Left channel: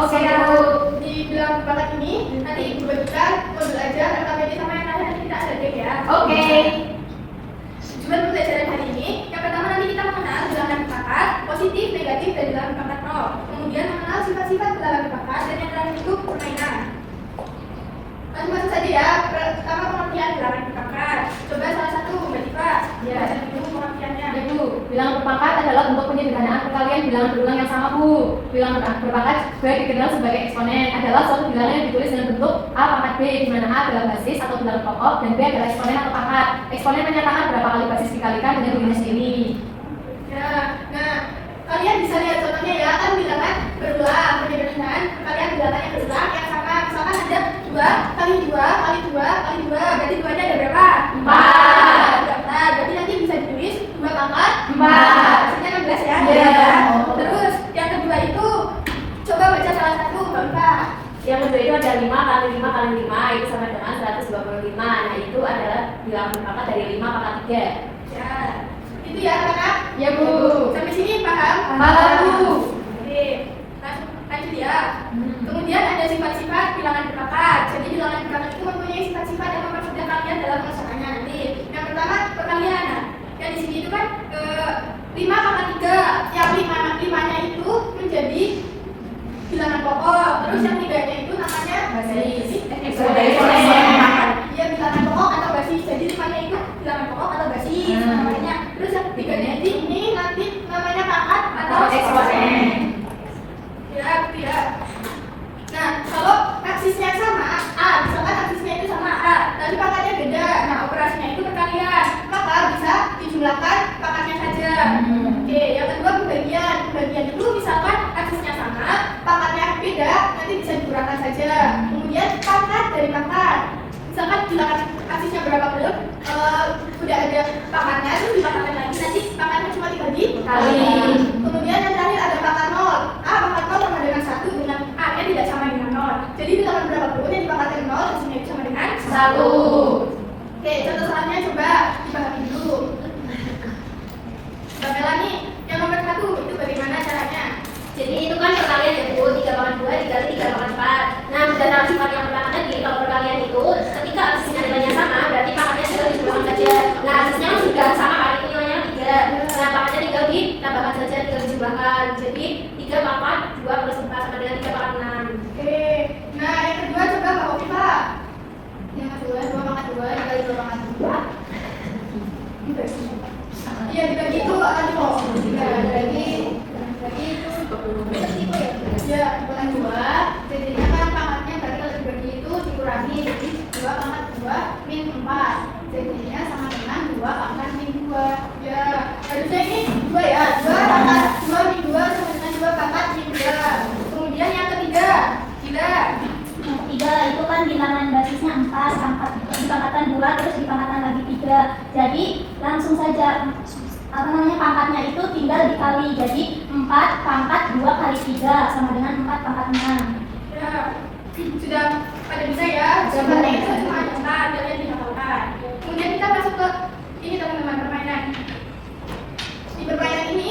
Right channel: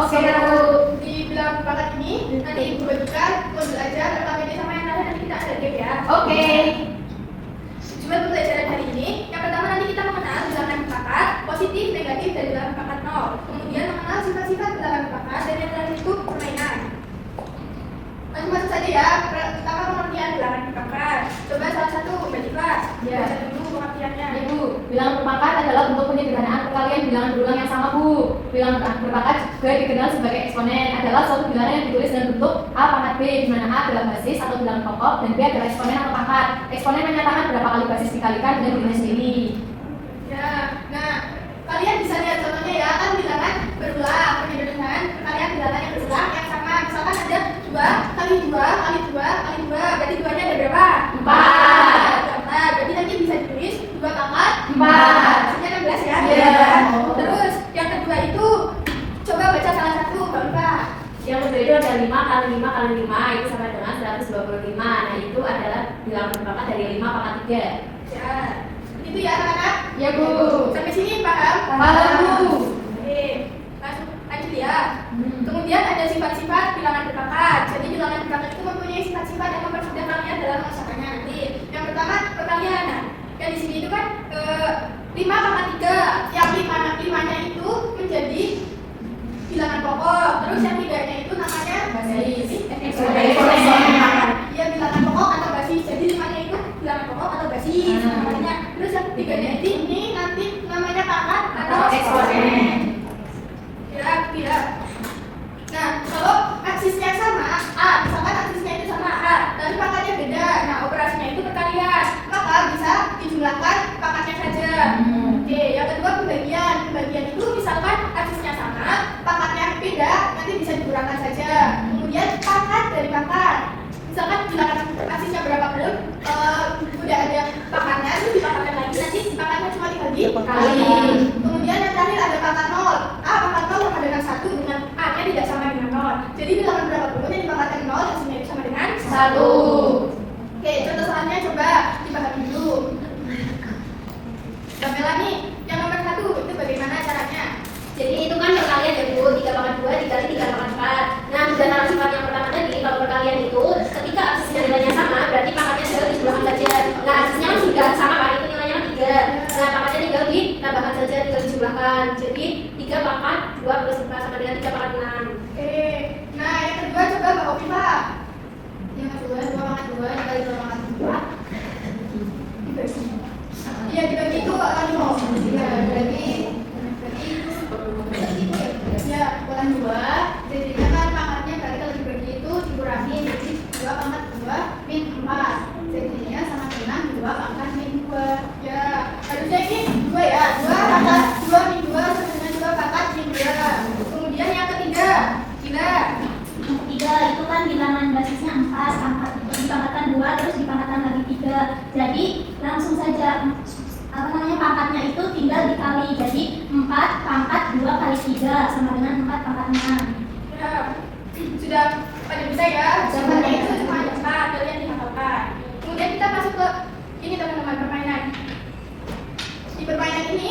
Oke, di bilangan bakat ini nanti ibu bagikan modul ajar LKPD sama yang lain, nanti kita ada game ya. Oke. Coba pelajaran hari ini, yang pertama nanti kita mengenal bilangan bakat, positif, negatif, dan bilangan bakat nol. Kemudian mengenal sifat-sifat bilangan bakat, dan yang terakhir itu permainan. Masuk saja ya. Pertama pengertian bilangan bakat. Coba salah satu Mbak Diva. Ya. Baca dulu pengertiannya. Ya Bu, bilangan berpangkat adalah bentuk penyederhanaan perkalian bilangan berulang yang sama Bu. Bilangan berpangkat juga dikenal sebagai eksponen, adalah suatu bilangan yang ditulis dengan bentuk A pangkat B, di mana A adalah basis atau bilangan pokok dan B adalah eksponen atau pangkat. Eksponen menyatakan berapa kali basis dikalikan dengan dirinya sendiri. Ya, nah kalian bisa lihat contohnya ya, kan bilangan berulang, penyederhanaan perkalian bilangan yang berulang yang sama. Misalkan ada 2 kali 2 kali 2 kali 2, berarti 2-nya ada berapa? 4. Nah, berarti nanti bisa ditulis 2 pangkat 4. Hasilnya 16 ya. Iya. Terus yang kedua itu coba baca salah satu, Mbak Diva. Yang kedua itu ada 5 kali 5 kali 5 itu sama dengan 125. Nah itu adalah bilangan berpangkat dari 5 pangkat 3. Ya, itu ya anak-anak. Ya Bu. Sampai sini paham? Paham Bu. Oke, lanjut ya. Kemudian ada sifat-sifat bilangan berpangkat. Jadi bilangan berpangkat itu mempunyai sifat-sifat yang mempermudah kalian dalam melaksanakannya nanti. Yang pertama perkalian. Nah, yang di sini itu kan 5 pangkat 3. Yang 5-nya itu menjadi bilangan pokok. Terus yang 3-nya itu namanya Basis. Iya, bilangan pokok atau basis. Jadi 5-nya itu bilangan pokok atau basis namanya. Terus yang 3-nya ini nanti namanya pangkat atau Eksponen. Ya. Nah, kalau aksisnya sama A, misalkan aksisnya itu sama A, tapi pangkatnya beda. Nah, operasinya itu perkalian, maka bisa dijumlahkan pangkatnya saja. Oke, yang kedua pembagian. Pembagian itu misalkan aksisnya sama, pangkatnya beda, nanti bisa dikurangkan saja. Kemudian pangkat dari pangkat. Misalkan bilangan aksisnya berapa belum, udah ada pangkatan, dipangkatkan lagi, nanti pangkatnya cuma tinggal dikali. Kemudian yang terakhir ada pangkat 0. Pangkat 0 sama dengan 1 dengan A-nya tidak sama dengan 0. Jadi bilangan berapapun yang dipangkatkan 0 hasilnya itu sama dengan 1. Oke, contoh soalnya coba dipahami dulu. Mbak Melani, yang nomor 1 itu bagaimana caranya? Jadi itu kan perkalian ya Bu, 3 pangkat 2 dikali 3 pangkat 4. Nah, dalam sifat yang pertama tadi, kalau perkalian itu ketika aksisnya nilainya sama, berarti pangkatnya tinggal dijumlahkan saja. Nah, aksisnya kan sudah sama kan, itu nilainya 3. Nah, pangkatnya tinggal ditambahkan saja, tinggal dijumlahkan. Jadi 3 pangkat 2 plus 4 sama dengan 3 pangkat 6. Nah yang kedua coba Mbak Oviva. Yang kedua 2 pangkat 2 dikali 2 pangkat 2. Iya, dibagi itu Kak Animo. Iya, bagi itu ya, pangkat 2. Jadinya kan pangkatnya berarti kalau dibagi itu dikurangi, jadi 2 pangkat 2 min 4. Jadinya sama dengan 2 pangkat min 2. Ya, harusnya ini 2 ya. 2 pangkat 2 min 2 sama dengan 2 pangkat min 2. Kemudian yang ketiga, Yang ketiga itu kan bilangan basisnya 4, dipangkatkan 2, terus dipangkatkan lagi 3. Jadi langsung saja pangkatnya itu tinggal dikali. Jadi 4 pangkat 2 kali 3 sama dengan 4 pangkat 6. ya, sudah pada bisa ya. Sebenarnya itu cuma ada 4 yang dihafalkan. Kemudian kita masuk ke ini teman-teman, permainan. Di permainan ini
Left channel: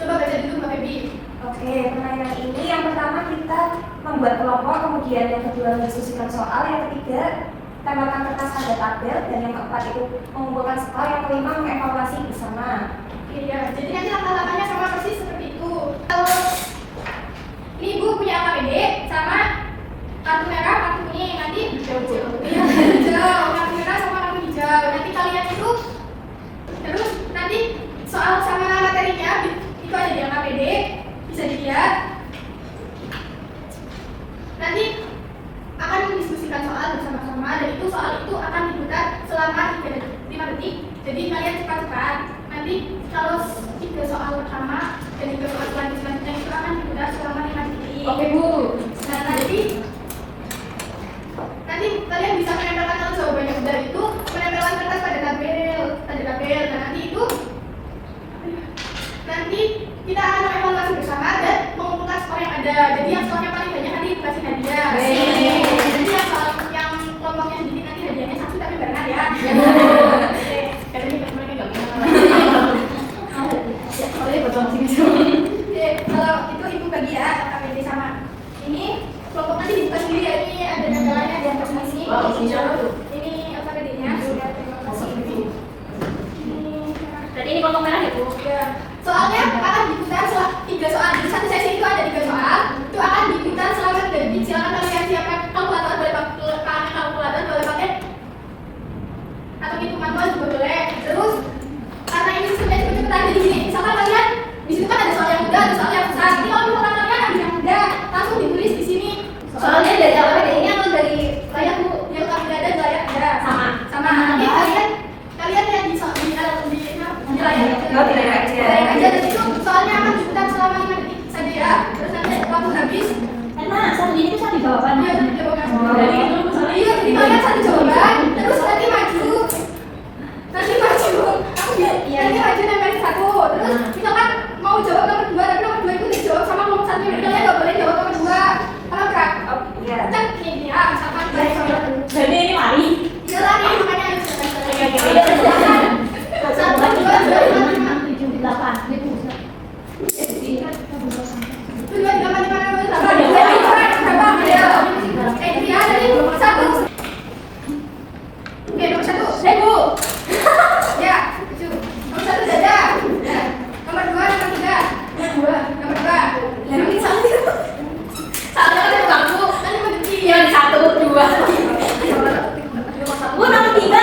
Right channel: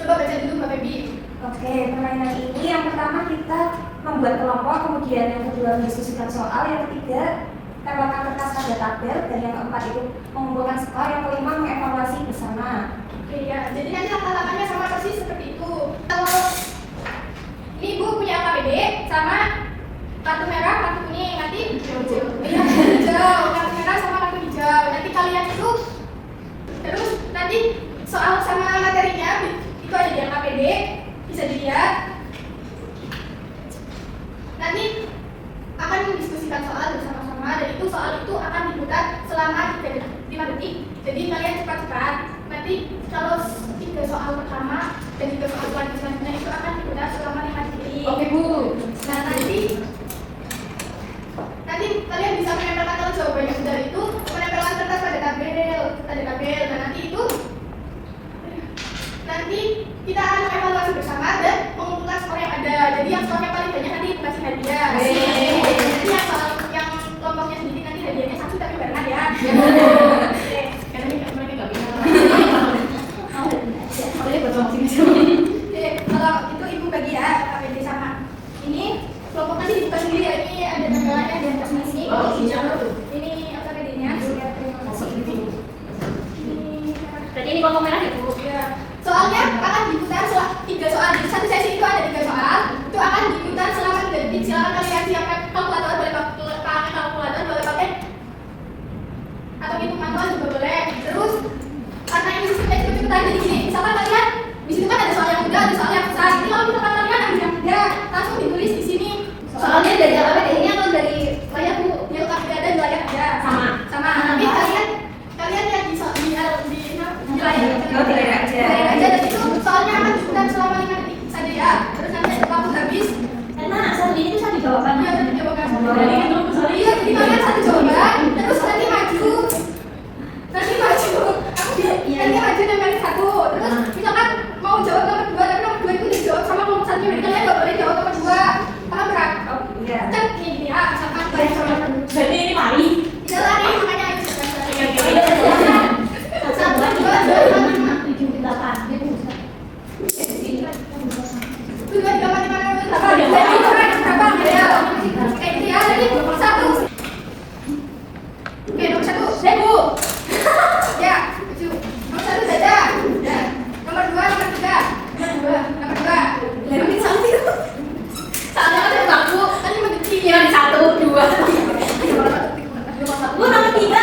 coba baca dulu Mbak Febi. Oke, permainan ini yang pertama kita membuat kelompok, kemudian yang kedua mendiskusikan soal, yang ketiga tambahkan kertas pada tabel, dan yang keempat itu mengumpulkan skor, yang kelima mengevaluasi bersama. Oke ya, jadi nanti langkah-langkahnya sama persis seperti itu. Kalau ini Ibu punya KPD sama kartu merah, kartu kuning, nanti hijau, kartu merah sama kartu hijau. Nanti kalian itu terus nanti soal sama materinya itu ada di KPD, bisa dilihat. Nanti akan mendiskusikan soal bersama-sama, dan itu soal itu akan dibuka selama 5 detik. Jadi kalian cepat-cepat. Nanti kalau 3 soal pertama dan 3 Tadi gini, misalkan kalian di situ kan ada soal yang mudah, ada soal yang besar. Jadi kalau misalkan kalian ada yang mudah, langsung ditulis di sini. Soalnya dari LPD ini atau dari saya Bu? Ya kalau tidak ada nggak ada. Sama. Sama. Nanti kalian yang di layar Oh, di layar aja. layar aja. Dan itu soalnya akan diputar selama 5 detik saja ya. Terus nanti waktu habis. Mana? Ini itu satu jawabannya. Iya, satu jawaban. Dari yang belum soalnya. Iya, jadi kalian satu jawaban. Terus nanti maju. Nanti maju. Nanti maju nempelin satu. Terus misalkan mau jawab nomor 2, tapi nomor 2 itu dijawab sama nomor 1. Kalian nggak boleh jawab nomor 2. Karena berat. Iya. Kan ini ya, misalkan Jadi ini lari. tidak lari makanya itu. Yang satu, dua. Bu, nomor 3.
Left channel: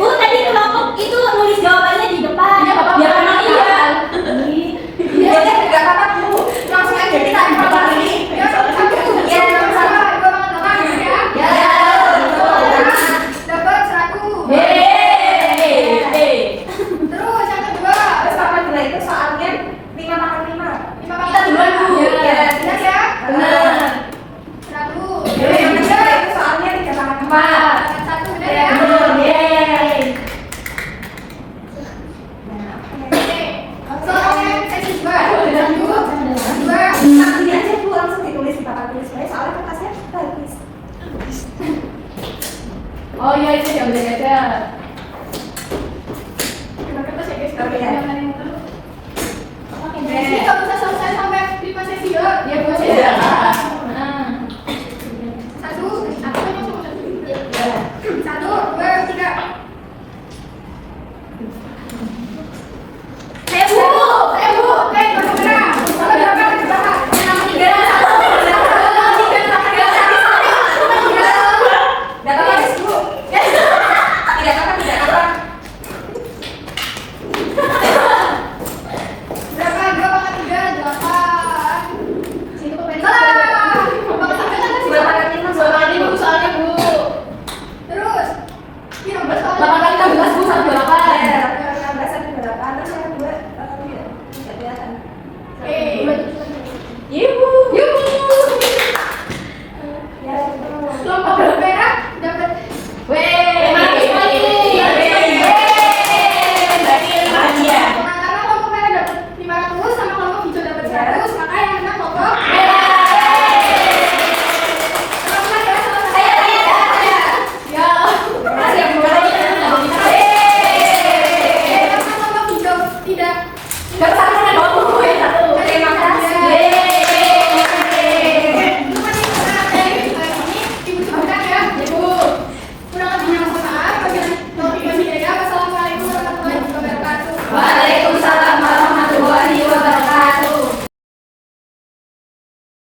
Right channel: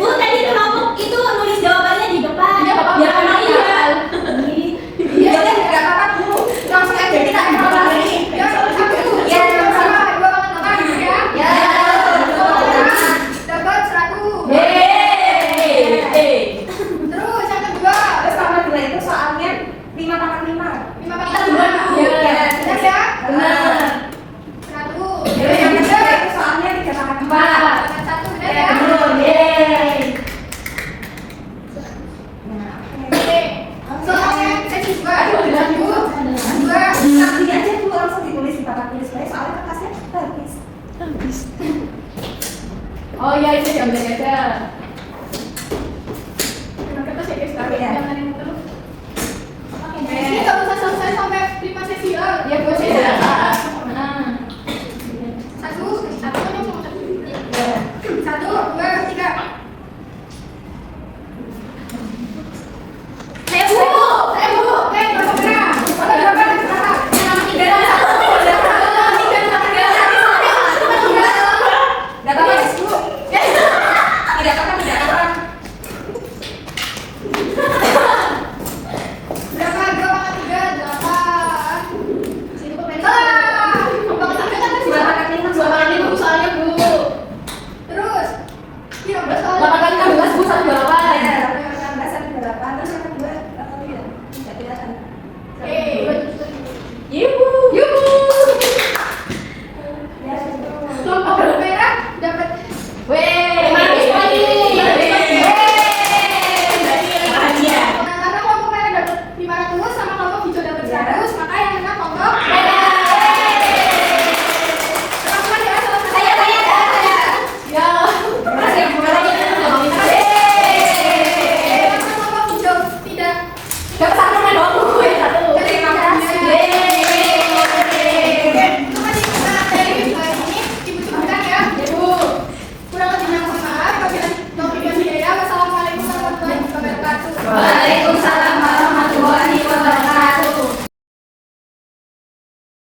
Bu, tadi kelompok itu nulis jawabannya di depan. Biar anak hafal. Dapat 100. Terus yang kedua, Terus sama dua itu soalnya 5/5. 5 kita duluan dulu. Iya. Benar ya? Benar. 100. Terus yang ketiga itu soalnya 3/4. Dapat 1 benar ya? Oke. Soalnya seksi 2. 2. Ini aja Bu langsung ditulis di papan tulis baik soalnya kertasnya habis. Oh iya, itu jam belajar.